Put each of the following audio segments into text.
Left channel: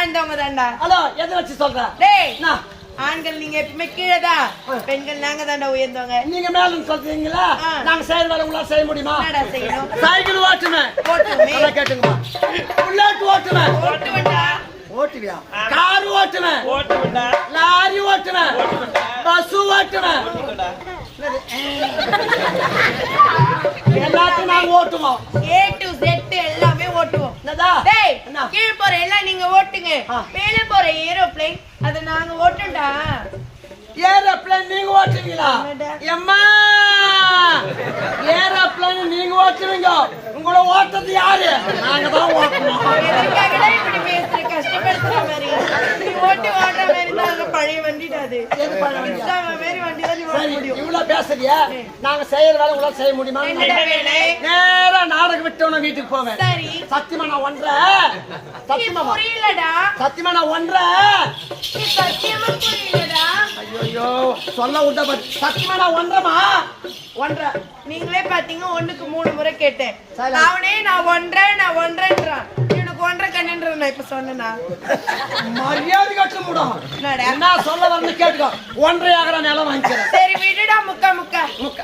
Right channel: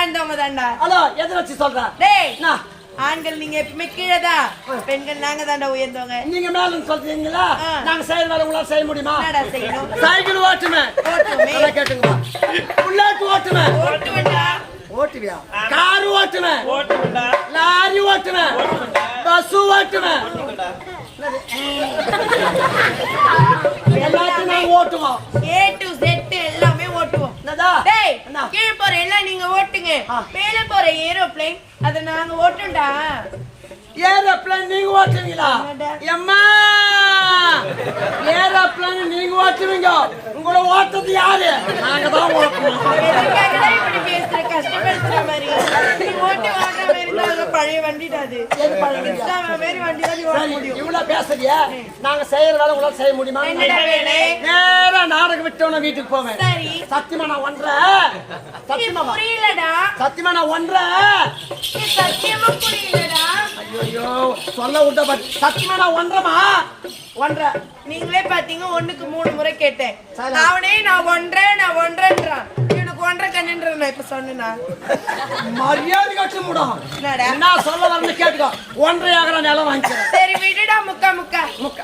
தாழ்ந்தவங்க தான்டா ஹலோ எதை வச்சு சொல்ற? டேய்? ஆண்கள் நீங்க எப்பவுமே கீழே தான் பெண்கள் நாங்க தான்டா உயர்ந்தவங்க. நீங்க மேல சொல்றீங்களா. நாங்க செய்யற வேலை உங்களால செய்ய முடியுமா? செய்யணும்? சைக்கிள் ஓட்டுவேன் ஓட்டுவோமே. நல்லா கேட்டுங்கம்மா. புல்லட் ஓட்டுவேன் ஓட்டுவேன்டா. ஓட்டுவியா? கார் ஓட்டுவேன் ஓட்டுவிட்டா லாரி ஓட்டுவேன் பஸ் ஓட்டுவேன் எல்லாத்தையும் நாங்க ஓட்டுவோம். ஏ டு செட் எல்லாமே டேய்? கீழே போற எல்லாம் நீங்க ஓட்டுங்க. மேல போற ஏரோப்ளேன் அத நாங்க ஓட்டும்டா ஏரோப்ளேன் நீங்க ஓட்டுவீங்களா? எம்மா ஏரோப்ளேன் நீங்க ஓட்டுவீங்க உங்களை ஓட்டுறது யாரு? நாங்க தான் ஓட்டணும் நாங்க செய்யற வேலை உங்களால செய்ய முடியுமா? நேரா நாடகம் விட்டவன வீட்டுக்கு போவேன். சத்தியமா நான் ஒன்ற சத்தியமா புரியலடா. சத்தியமா நான் ஒன்ற நீ சத்தியமா புரியலடா. ஐயோ சொல்ல விட்ட சத்தியமா நான் ஒன்றமா ஒன்ற. நீங்களே பாத்தீங்க ஒண்ணுக்கு மூணு முறை கேட்டேன். அவனே நான் ஒன்றேன் நான் ஒன்றேன்றான் இவனுக்கு ஒன்றரை கண்ணுன்ற நான் இப்ப சொன்னேனா? மரியாதை கட்டு முடும் என்ன சொல்ல வரணும் கேட்டுக்கோ. ஒன்றை ஆகிற நிலம் வாங்கிக்கிறேன். சரி விடுடா முக்கா முக்கா. முக்க.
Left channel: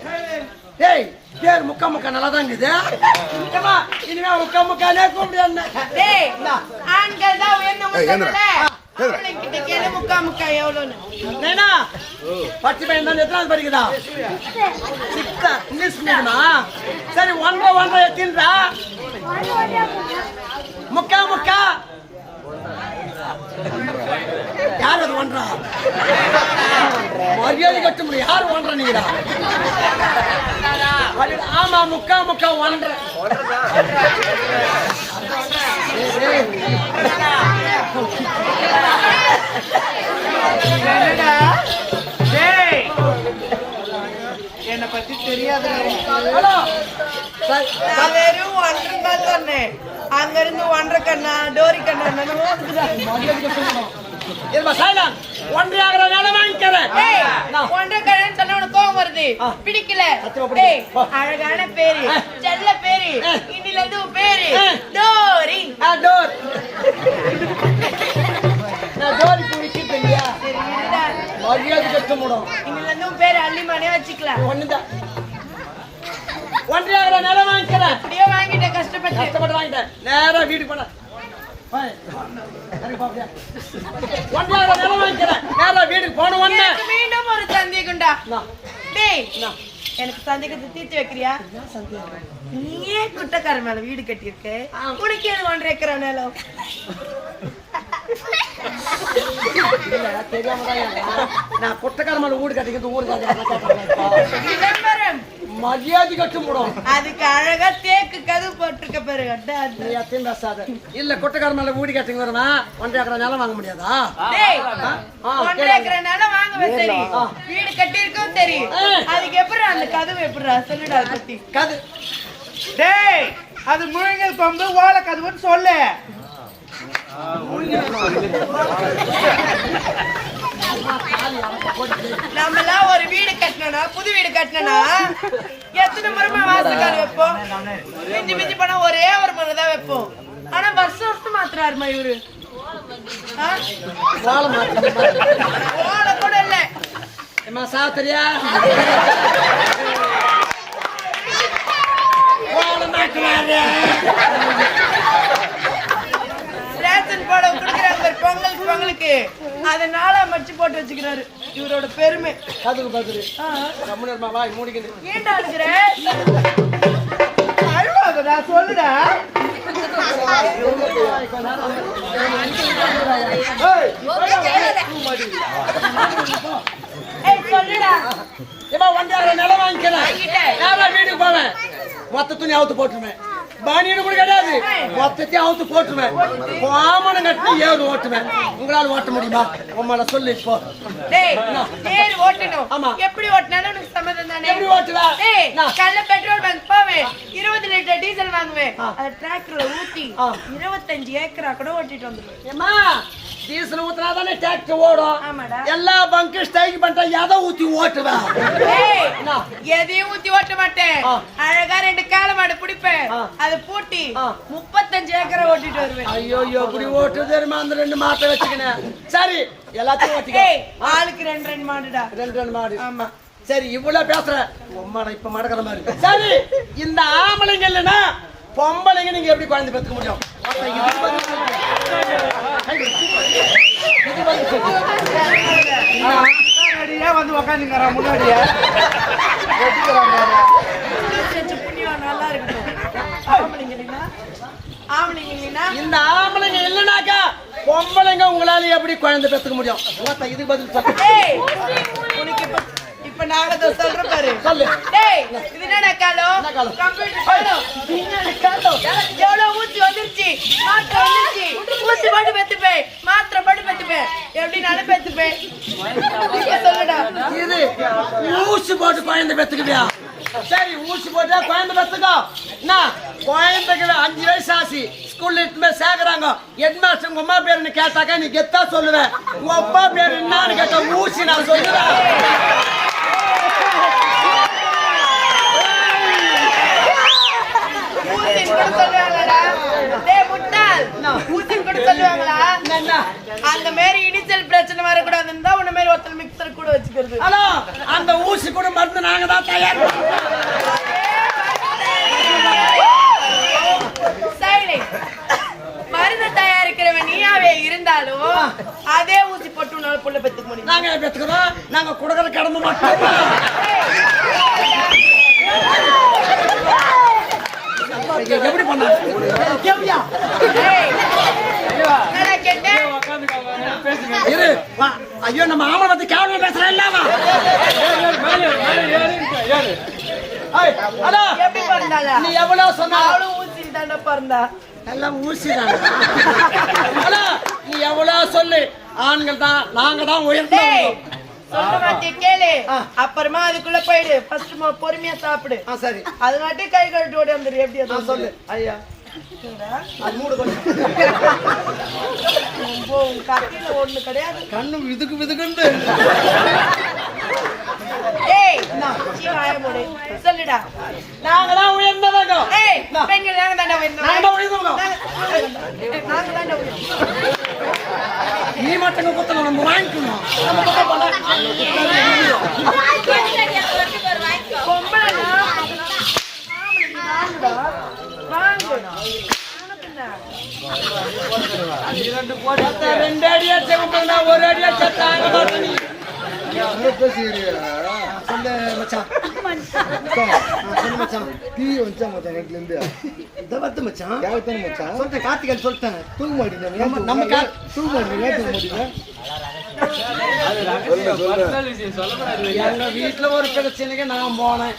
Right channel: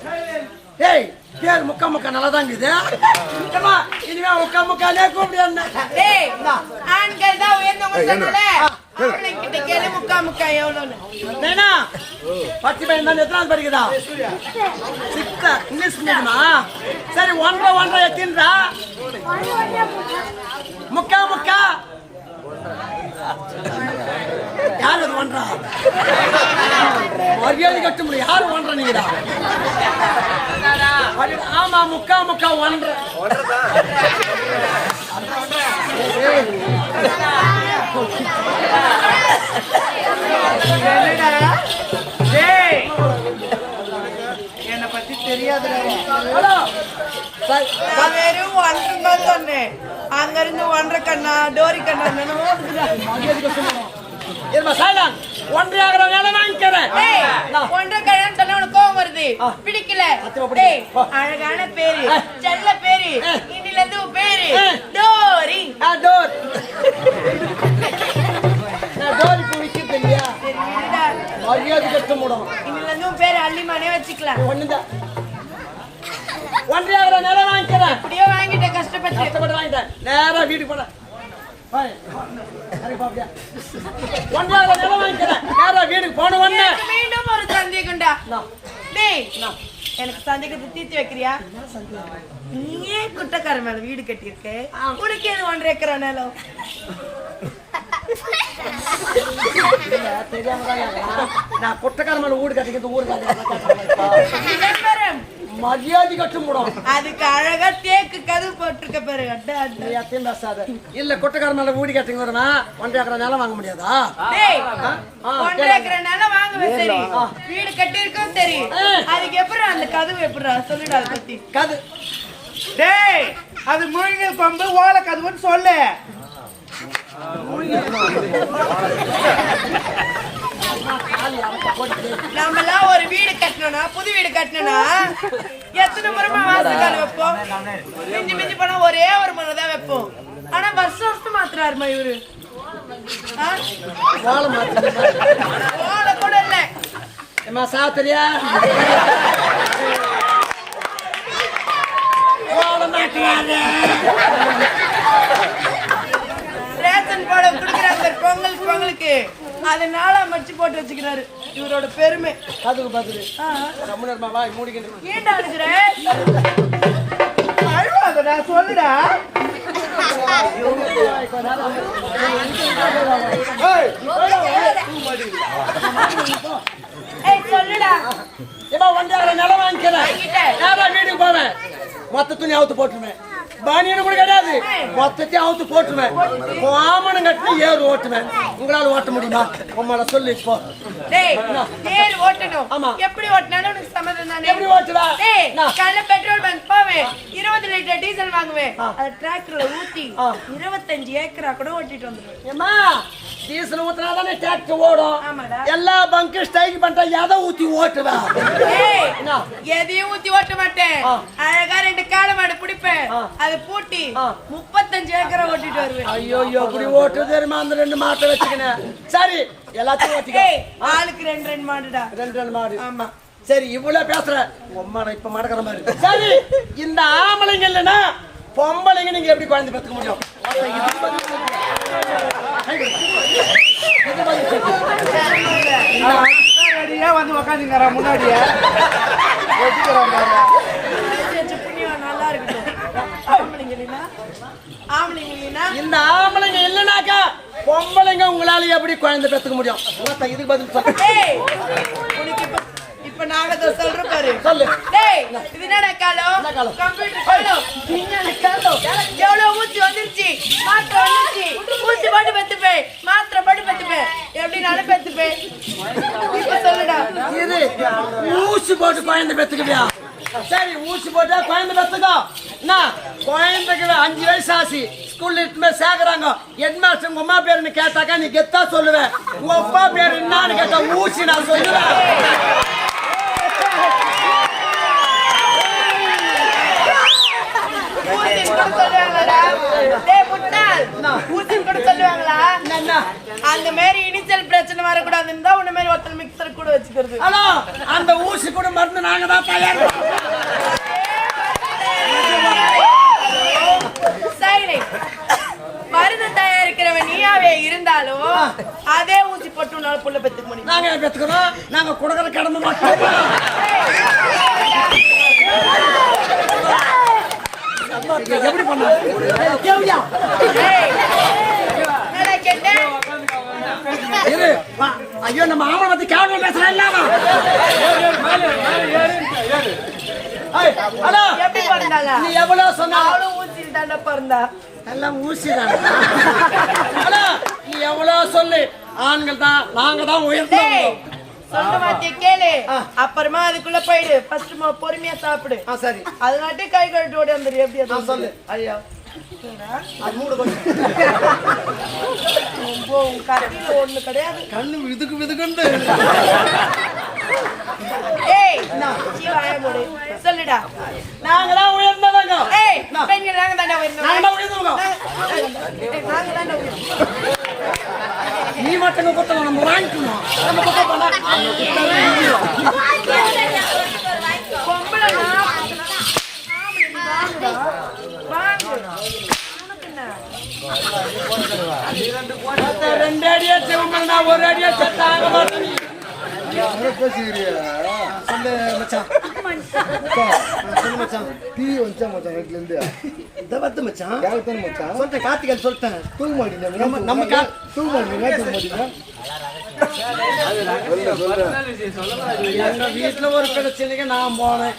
பேரு. ஏய், பேர் முக்கா முக்கா நல்லா தான் இருக்குது. இனிமே முக்கா முக்கானே கூப்பிடு. ஆண்கள் தான் உயர்ந்தவங்க முக்கா முக்கா எவ்வளோன்னு. நேனா பத்து பையன் தான் எத்தனாவது படிக்குதா? சிக்ஸ்த்? இங்கிலீஷ் மீடியமா சரி ஒன்றரை ஒன்றரை எத்தின்றா? முக்கா முக்கா. யார் அது ஒன்றா? மரியாதை கட்ட முடியும். யார் ஒன்றா அடடா, ஆமா முக்கா முக்கா ஒன்றரை. என்னடா? என்னை பத்தி நான் வெறும் ஒன்றரை தான் சொன்னேன். அங்க இருந்து ஒன்றரை கண்ணா டோரி கண்ணா என்னென்னமோ. இருமா சைலன் ஒன்றரை ஆகிற நிலம் வாங்கிக்கிறேன். கண்ணான்னு சொன்னா உனக்கு கோவம் வருது. பிடிக்கல. அழகான பேரு. செல்ல பேரு. இன்னில இருந்து பேரு. டோரி. டோர். நான் டோர் இப்போ விற்கிறது இல்லையா? சரி, விடுடா. மரியாதை கட்ட முடியும் இன்னில இருந்து பேரு அள்ளிமானே வச்சுக்கலாம். ஒண்ணுதான். ஒன்றரை ஆகிற நிலம் வாங்கிக்கிறேன். அப்படியே வாங்கிட்ட கஷ்டப்பட்டு. கஷ்டப்பட்டு வாங்கிட்டேன். நேரா வீட்டுக்கு போன ஆகிற நிலம் வாங்கிக்கிறேன். நேரா வீட்டுக்கு போன உடனே எனக்கு மீண்டும் ஒரு சந்தேகம்டா நான், டேய் நான். எனக்கு சந்தேகத்தை தீர்த்து வைக்கிறியா? நீயே குட்டக்கார மேல வீடு கட்டியிருக்க. உனக்கு ஏது ஒன்றரை ஏக்கரா நிலம்? தெரியாம தான். நான் குட்டக்கார மேல வீடு கட்டிக்கிறது ஊரு கட்டி விளம்பரம் மரியாதை கட்ட முடியும் அதுக்கு அழகா தேக்கு கதவு போட்டிருக்க பாரு. நீ எத்தையும் பேசாத. இல்ல குட்டக்கார மேல வீடு கட்டிங்க வருமா ஒன்றரை ஏக்கரை நிலம் வாங்க முடியாதா? ஒன்றரை. ஏக்கரா நிலம் வாங்குவேன் சரி. வீடு கட்டியிருக்கோம் சரி. ஆ. அதுக்கு எப்படி அந்த கதவு எப்படிடா? சொல்லுடா அதை பத்தி. கது. டேய் அது முழுங்கல் கொம்பு ஓலை கதுவுன்னு சொல்லு. நம்மலாம் ஒரு வீடு கட்டணும்னா புது வீடு கட்டணும்னா எத்தனை முறைமா வாசக்கால் வைப்போம்? மிஞ்சி மிஞ்சி போனா ஒரே ஒரு முறை தான் வைப்போம். ஆனா வருஷம் வருஷம் மாத்துறாருமா இவரு? ஆ? வாழை மாத்தி ஓலை கூட இல்ல. ஏமா சாத்திரியா வாழை மாட்டுறாரு ரேஷன் போட குடுக்குறாங்க பொங்கல் பொங்கலுக்கு. அதை நாளா மடிச்சு போட்டு வச்சுக்கிறாரு. இவரோட பெருமை. கதுக்கு பதில் ஆ. ரமணர்மா வாய் மூடிக்கணும் ஏன்டா அழுகுற? அழுவாதடா சொல்லுடா. சொல்லுடா. ஒன்றரை நிலம் வாங்கிக்கிறேன். வீட்டுக்கு போவேன். மொத்த துணி அவுத்து போட்டுருவேன். பானியனு கூட கிடையாது. மொத்தத்தையும் அவுத்து போட்டுருவேன். கோமனம் கட்டி ஏறு ஓட்டுவேன். உங்களால ஓட்ட முடியுமா? உம்மள சொல்லு இப்போ. டேய் தேர் ஓட்டணும். ஆமா. எப்படி ஓட்டினாலும் உனக்கு சம்மதம் தானே? எப்படி ஓட்டுவ? டேய் நான். காலைல பெட்ரோல் பங்க் போவேன். இருபது லிட்டர் டீசல் வாங்குவேன். அதை டிராக்டர்ல ஊத்தி. இருபத்தஞ்சு ஏக்கரா கூட ஓட்டிட்டு வந்துருவேன். ஏமா டீசல் ஊத்துனா தானே டிராக்டர் ஓடும். எல்லா பங்கு ஸ்ட்ரைக் பண்ணிட்டா எதை ஊத்தி ஓட்டுவேன் என்ன? எதையும் ஊத்தி ஓட்ட மாட்டேன். அழகா ரெண்டு காளை மாடு பிடிப்பேன். அதை பூட்டி. முப்பத்தஞ்சு ஏக்கரை ஓட்டிட்டு வருவேன். ஐயோ எப்படி ஓட்டு தெரியுமா? அந்த ரெண்டு மாட்டை வச்சுக்கினேன் சரி எல்லாத்தையும் ஓட்டிக்கோ. ஆளுக்கு ரெண்டு ரெண்டு மாடுடா. ரெண்டு ரெண்டு மாடு. ஆமா. சரி இவ்வளவு பேசுற. உம்மாட இப்ப மடக்கிற மாதிரி சரி இந்த ஆம்பளைங்க இல்லைன்னா பொம்பளைங்க நீங்க எப்படி குழந்தை பெற்றுக்க முடியும்? ரெடியா வந்து உக்காந்துங்கிறான் முன்னாடியே புண்ணியம் நல்லா இருக்கட்டும் இந்த ஆம்பளைங்க இல்லைனாக்கா பொம்பளைங்க உங்களால எப்படி குழந்தை பெற்றுக்க முடியும் இதுக்கு பதில் சொல்லு இப்ப நாங்க இதை சொல்றோம் பாரு சொல்லு டேய், இது என்னடா காலம்? கம்ப்யூட்டர் காலம். விஞ்ஞான காலம். எவ்வளவு ஊசி வந்துருச்சு, வந்துருச்சு. ஊசி போட்டு பெத்துப்பேன், மாத்திரை போட்டு பெத்துப்பேன். எப்படினாலும் பெத்துப்பேன். இப்ப சொல்லுடா. இது ஊசி போட்டு குழந்தை பெற்றுக்குவியா சரி ஊசி போட்டா குழந்தை பெத்துக்கோ. என்ன குழந்தைக்கு அஞ்சு வயசு ஆச்சு. ஸ்கூல்ல இட்டுமே சேர்க்கறாங்க. ஹெட் மாஸ்டர் உங்க அம்மா பேருன்னு கேட்டாக்கா நீ கெத்தா சொல்லுவேன் உங்க அப்பா பேர் என்னன்னு கேட்டா ஊசி நான் சொல்லுவேன். ஊசின்னு கூட சொல்லுவாங்களாடா? டேய் முட்டாள், ஊசின்னு கூட சொல்லுவாங்களா? அந்த மாதிரி இனிஷியல் பிரச்சனை வரக்கூடாதுன்னு தான் உன்ன மாதிரி ஒருத்தர் மிக்சர் கூட வச்சுக்கிறது. ஹலோ அந்த ஊசி கூட மருந்து நாங்க தான் தயார். மருந்து தயாரிக்கிறவன் நீயாவே இருந்தாலும் அதே ஊசி போட்டு உன்னால புள்ள பெத்துக்க முடியும். நாங்க கொடுக்கற கடமை மட்டும் எப்படி வா. ஐயோ நம்ம ஆமனை பத்தி கேவலம் பேசுறேன் இல்லாம எப்படி பிறந்தாளா? நீ எவ்வளவு சொன்ன ஊசியில் தாண்டா பிறந்தா. எல்லாம் ஊசிதான் ஹலோ நீ எவ்வளவு சொல்லு ஆண்கள் தான் நாங்க தான் உயர்ந்தோம் சொல்ற வார்த்தைய கேளு. அப்புறமா அதுக்குள்ள போயிடு. ஃபர்ஸ்ட் பொறுமையா சாப்பிடு. சரி. அதனாட்டி கை கழுட்டு ஓடி வந்துரு. எப்படி ஆ, அது சொல்லு. ஐயா. கத்தியில ஒண்ணு கிடையாது. கண்ணு விதுக்கு விதுக்குன்னு சொல்லுடா. நாங்க தான் உயர்ந்தவங்க பெண்கள் நாங்க தாண்டா உயர்ந்தவங்க நாங்க தாண்டா மாட்டேன்னு மட்டும் நம்ம வாங்கிக்கணும். நம்ம குத்தம் ரெண்டு அடியா செவம்பா ஒரு அடியா செத்தாங்க மாட்டேன் மச்சான் சொல்லு மச்சான் டீ வந்துச்சா மச்சான் நைட்ல இருந்து இந்த வந்து மச்சான் யாருக்கு தானே மச்சான் சொல்லிட்டேன் கார்த்திகன் சொல்லிட்டேன் தூங்க மாட்டீங்க நம்ம- நம்ம கா- தூங்க மாட்டீங்க தூங்க மாட்டீங்க சொல்லு சொல்லு எங்க வீட்டுல ஒரு பிரச்சனைக்கு நான் போனேன்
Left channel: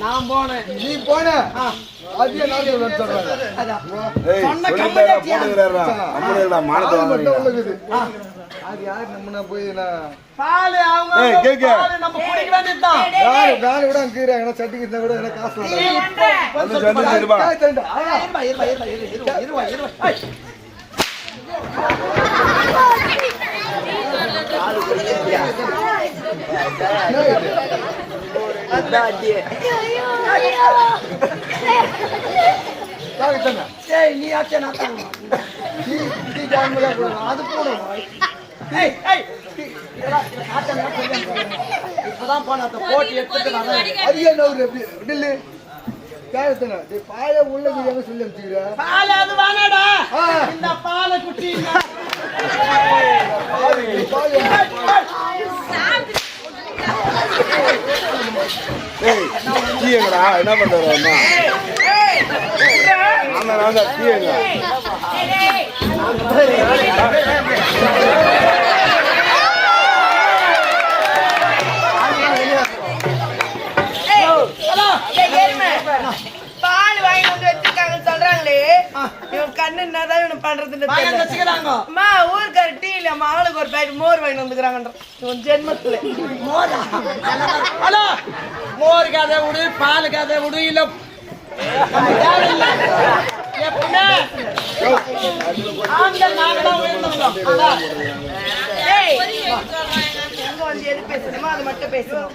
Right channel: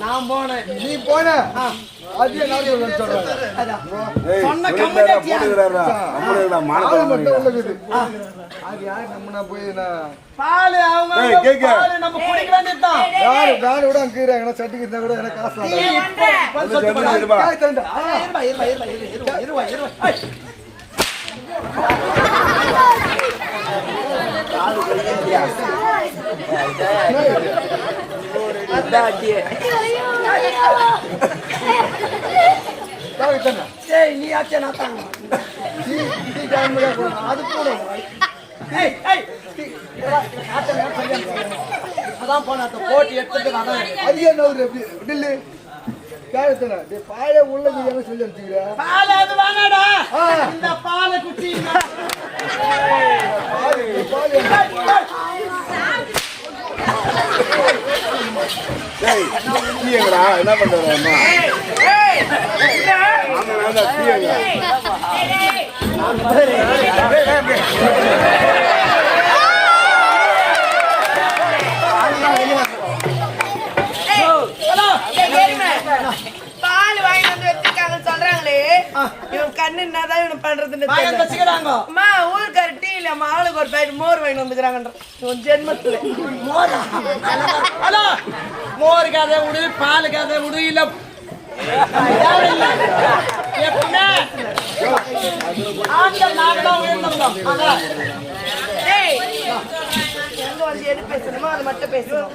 நான் போனேன் நீ போன அதே சொல்றாங்க சொன்ன ஆள் மட்டும் உள்ளது அது யார் நம்ம நான் போய் பால் அவங்க. பால் நம்ம குடிக்க வேண்டியதுதான் யாரு நான் கூட அங்க இருக்கிறேன் காசு இருந்தா கூட எனக்கு காசு நீ நீ ஆச்சே நான் டீ டீ டைம் கூட அது போடும் டீ, காட்ட. இப்பதான் போன அந்த போட்டி எடுத்துட்டு வரேன் அது என்ன ஒரு எப்படி டில்லு காசு தானே டேய் பாய சொல்லி அனுப்பிச்சுக்கிறேன் பால் அது. இந்த பாலை குச்சி பாரு என்ன ஆமா நான் தான் டீங்களா அம்மா ஊருக்கார டீ இல்ல மகளுக்கு ஒரு பேர் மோர் வாங்கி வந்துக்கிறாங்கன்ற. இவன் ஜென்மத்துல. மோரா? கதை விடு பால் கதை விடு இல்ல. எப்பவுமே ஆண்கள் நாங்க தான் உயர்ந்தவங்க வந்து எது பேசணுமோ அதை மட்டும் பேசணும்.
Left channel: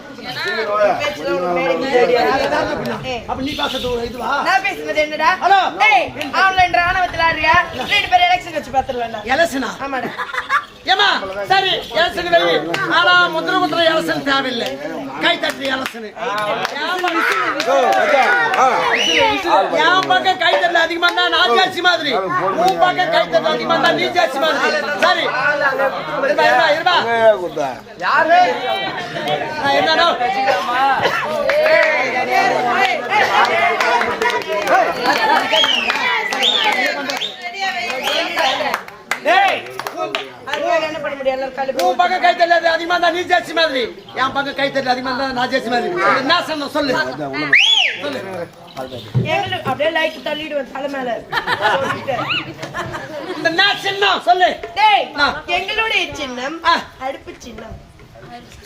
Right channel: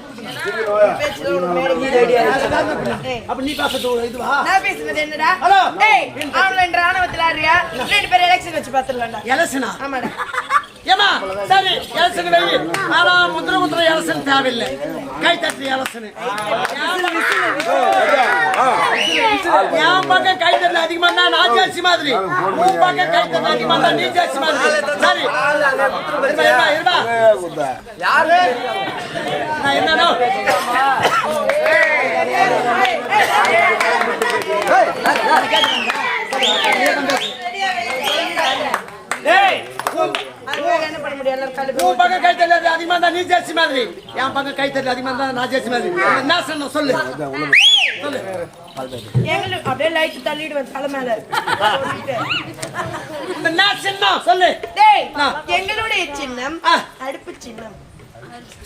பேச்சுல உனக்கு. ஏய், அப்ப நீ பேசுறது இதுவா? நான் பேசுனது என்னடா? ஹலோ. ஏய் ஆன்லைன் ராணுவத்துல ஆடுறியா? ரெண்டு பேரும் எலெக்ஷன் வச்சு பாத்துடலாம்டா எலசனா ஆமாடா. ஏமா சரி எலசன் வெளி ஆனா முத்திர முத்திர எலசன் தேவையில்லை கை தட்டு எலசன் என் பக்கம் கை தட்டு அதிகமா இருந்தா நான் ஜாஸ்தி மாதிரி உன் பக்கம் கை தட்டு அதிகமா இருந்தா நீ ஜாஸ்தி மாதிரி சரி இருமா இருமா இருமா ஆ, என்னடா ஏய் என்ன உன் பக்கம் கை தட்டல் அதிகமா இருந்தா நீ ஜாஸ்தி மாதிரி. என் பக்கம் கை தட்டல் அதிகமா இருந்தா நான் ஜாஸ்தி மாதிரி. என்ன சொன்ன சொல்லு. எங்களுக்கு அப்படியே லைட் தள்ளிடுவேன் தலை மேல. சொல்லிட்டேன். இந்த நான் சின்னம்? சொல்லு. டேய் எங்களுடைய சின்னம் ஆ. அடுப்பு சின்னம்.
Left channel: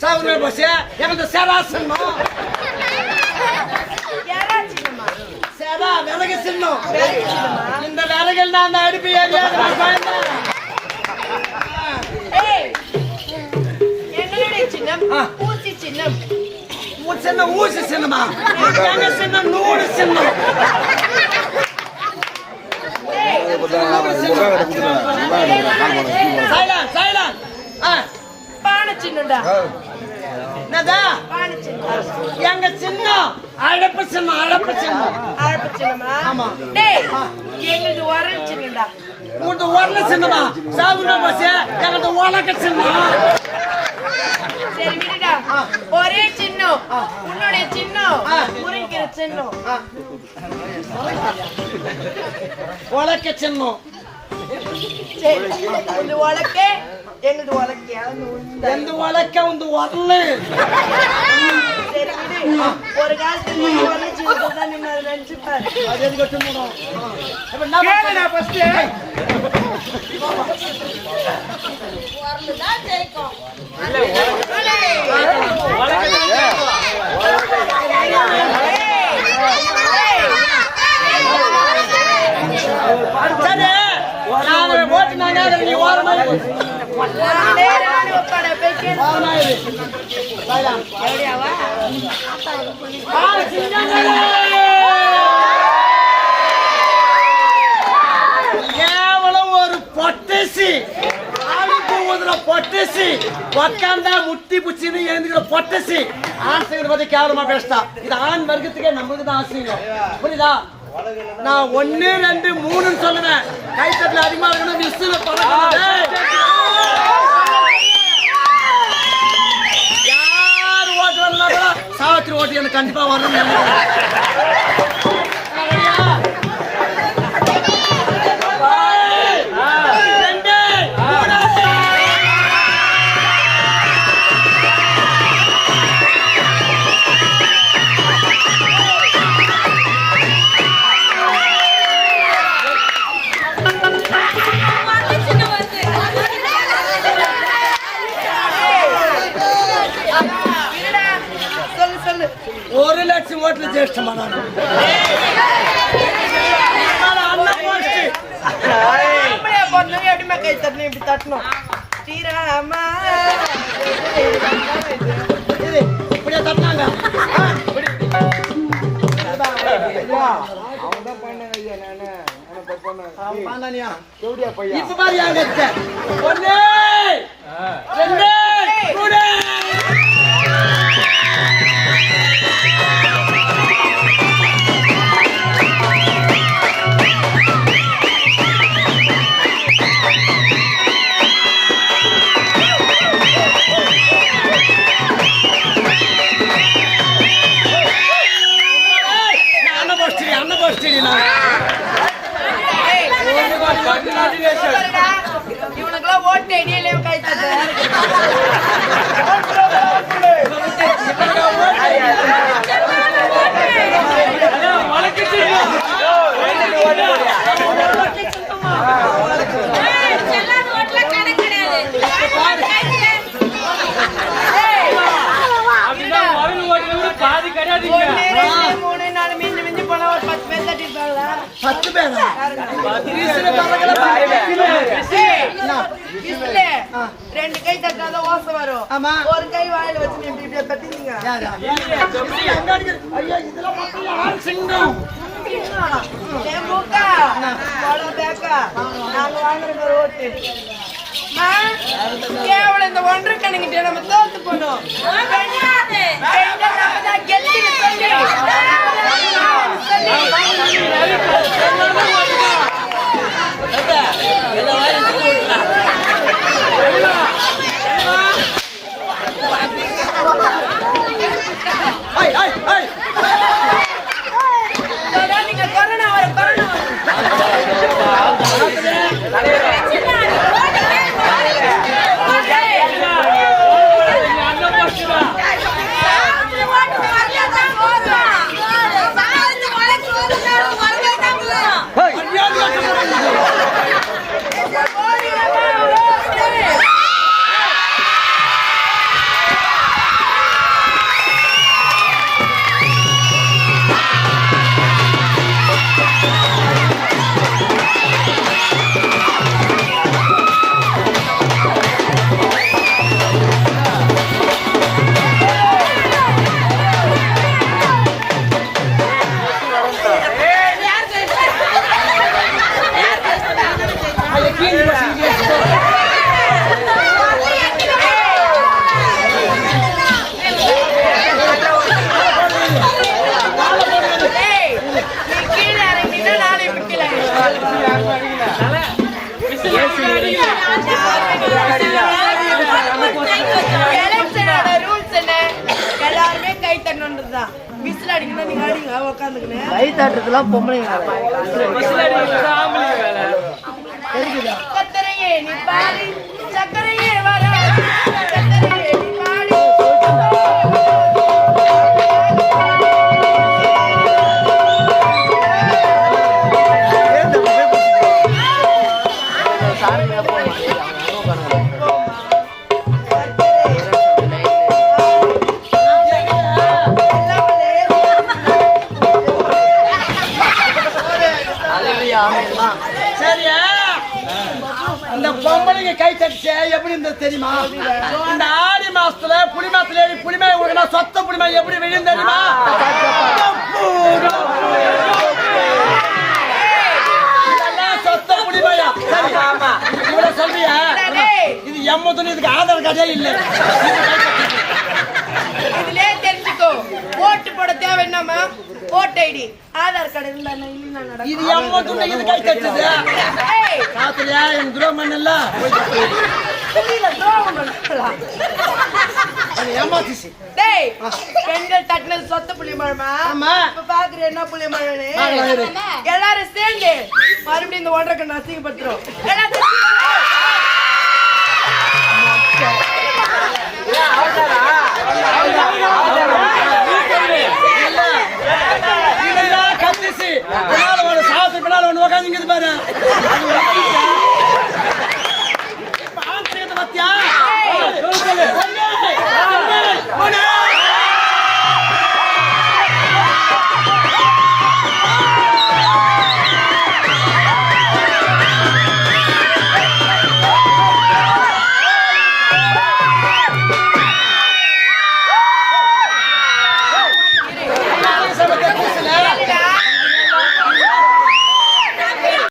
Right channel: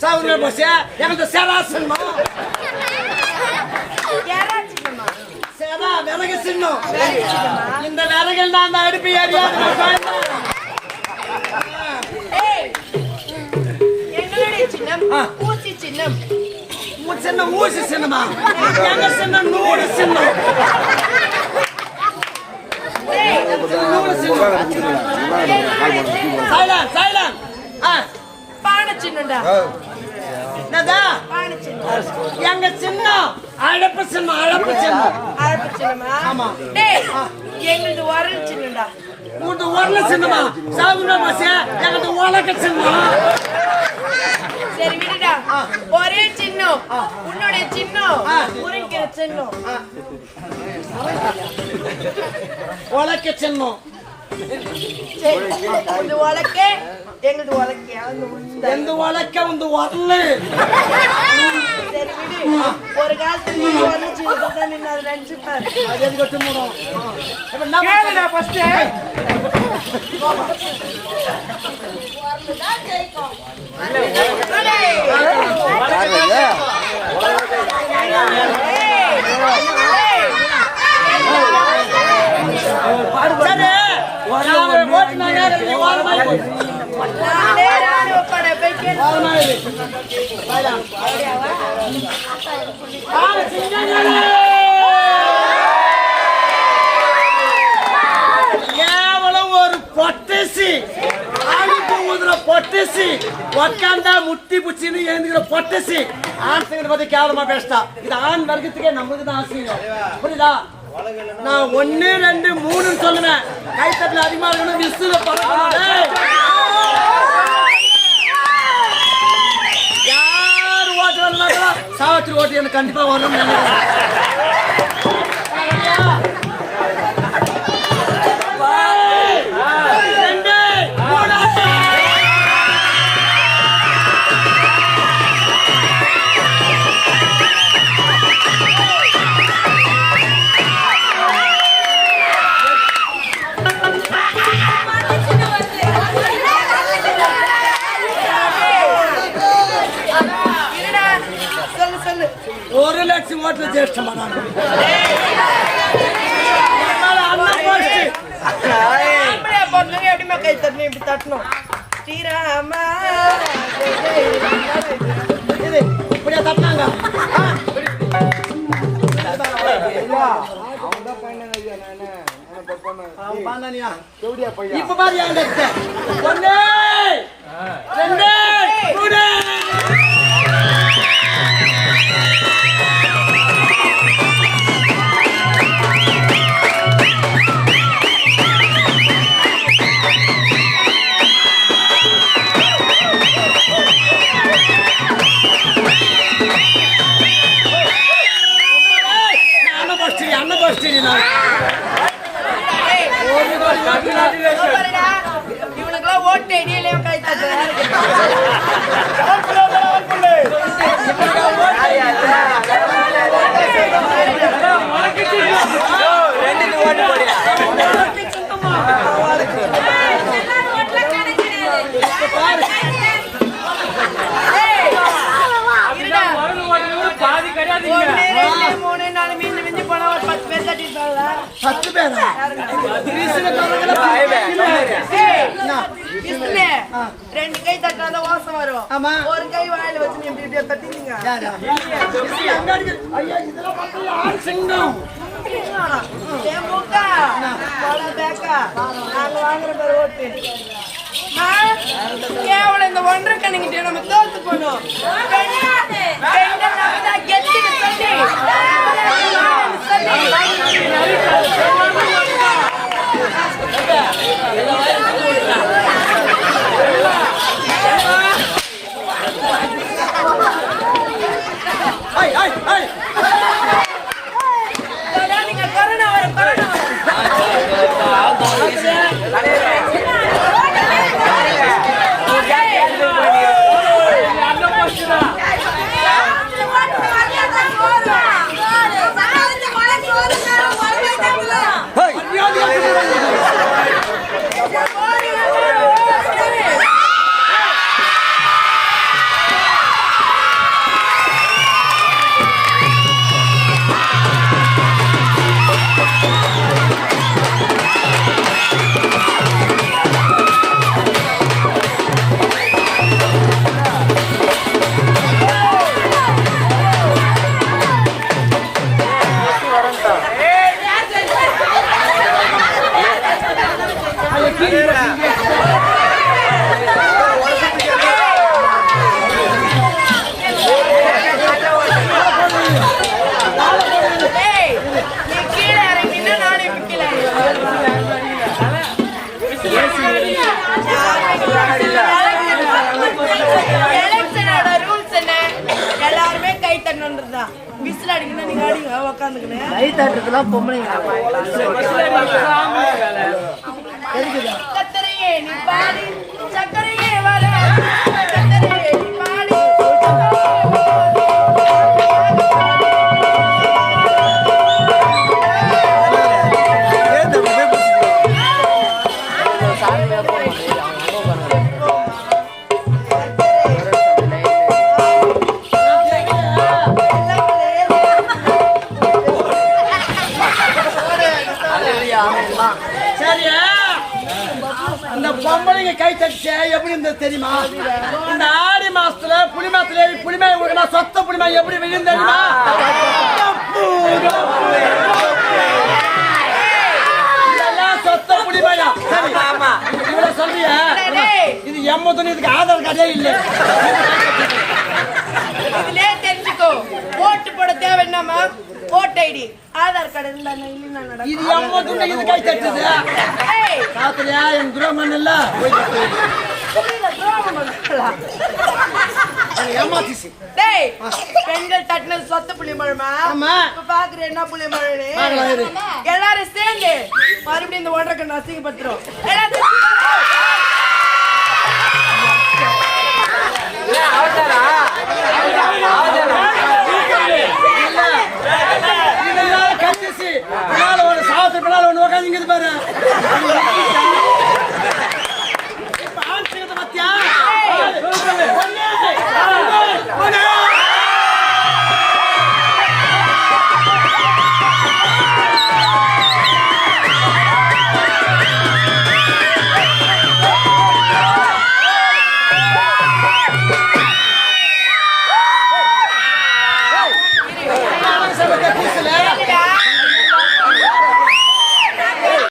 சாகுன போச்சு. எனக்கு சேரா சின்னம். யாரா சின்னம்மா சேரா விறகு சின்னம். வேலைக்கு சின்னம்மா இந்த விறகுல நான் அடுப்பு ஏரியா சின்னம். ஊசி சின்னம். சின்ன ஊசி சின்னமா? சின்னம்? நூறு சின்னம். சைலன் சைலன். பானை சின்னம்டா. என்னதா? எங்க சின்னம்? அழப்பு சின்னம் அழப்பு சின்னம். அழப்பு சின்னமா? ஆமா. டேய் எங்களுது உரல் சின்னம்டா? உனது உரல சின்னமா? சாகுன போச்சு எங்களுக்கு உலக சின்னம்? சரி விடுடா. ஒரே சின்னம். உன்னுடைய சின்னம். முருங்கிற சின்னம். சின்னம். உலக்கே உலக்கே. அந்த உளுந்த எந்த உலக்க உந்து உரலு சரி விடு. ஒரு காலத்துல நீ உரல் சின்னத்தில் அது எதுக்கு வச்சு மூடும் இப்ப ஃபர்ஸ்ட் சரி நாங்க நானே ராணுவ படை கேவலம் ஒரு பொட்டசி. ஆளுக்கு ஊதுற பொட்டசி. உட்காந்தா முட்டி புச்சின்னு எழுந்துக்கிற பொட்டசி. ஆண் பத்தி கேவலமா பேசிட்டா. இது ஆண் வர்க்கத்துக்கே நம்மளுக்கு தான் ஆசைங்க. புரியுதா? நான் ஒன்னு ரெண்டு மூணுன்னு சொல்லுவேன். கைத்தட்டில் அதிகமா இருக்கணும் விசுல பறக்கணும். யார் ஓட்டு வரலாம் சாவித்திரி ஓட்டு எனக்கு கண்டிப்பா வரணும்னு நினைக்கிறேன். நானு ஆனா பண்ண எப்படியா பையன் இப்ப பாரு அங்க இருக்க ஒண்ணு ரெண்டு மூணு பத்து பேர். ரெண்டு கை தட்டாதான் வாசம் வரும். ஆமா. ஒரு கை வாயில வச்சு நீ இப்படி இப்படியே தட்டிந்தீங்க ஐயா இதெல்லாம் மக்கள் ஆள் சிங்கம். மூக்கா? பேக்கா? நாங்க வாங்குற ஓட்டு. கேவலம் இந்த ஒன்றரை கணக்கிட்ட நம்ம தோத்து போனோம். பெண்- பெண்கள் நம்ம தான் கெத்துன்னு சொல்லி. சொல்லி. அடிக்கணும் நீங்க அடிங்க. உக்காந்துக்கணும். பொம்பளைங்க சக்கரையே வர தெரியுமா? இந்த ஆடி மாசத்துல ஏறி புலிமே ஊருனா சொத்த புலிமா எப்படி விழுந்து தெரியுமா? சொத்த புலிமையா சரி. இவ்வளவு சொல்றியா? டேய், இது எம்மதுன்னு இதுக்கு ஆதார் கார்டே இல்லை. இதுலயே தெரிஞ்சுக்கோ. ஓட்டு போட தேவை என்னமா ஓட்டு ஐடி. ஆதார் கார்டு இருந்தா நடக்கும். இது எம்மதுன்னு இது கை தட்டுது. ஏய், காத்துலயா என் துரோகம் பண்ணல. ஏமாத்திச்சு டேய், பெண்கள் தட்டினது சொத்த புளி மழமா ஆமா. இப்ப பாக்குற என்ன புளி மழனு. எல்லாரும் சேர்ந்து மறுபடியும் இந்த ஒன்றரை சாவத்து பின்னால ஒண்ணு உட்காந்துங்குது பாரு. galera!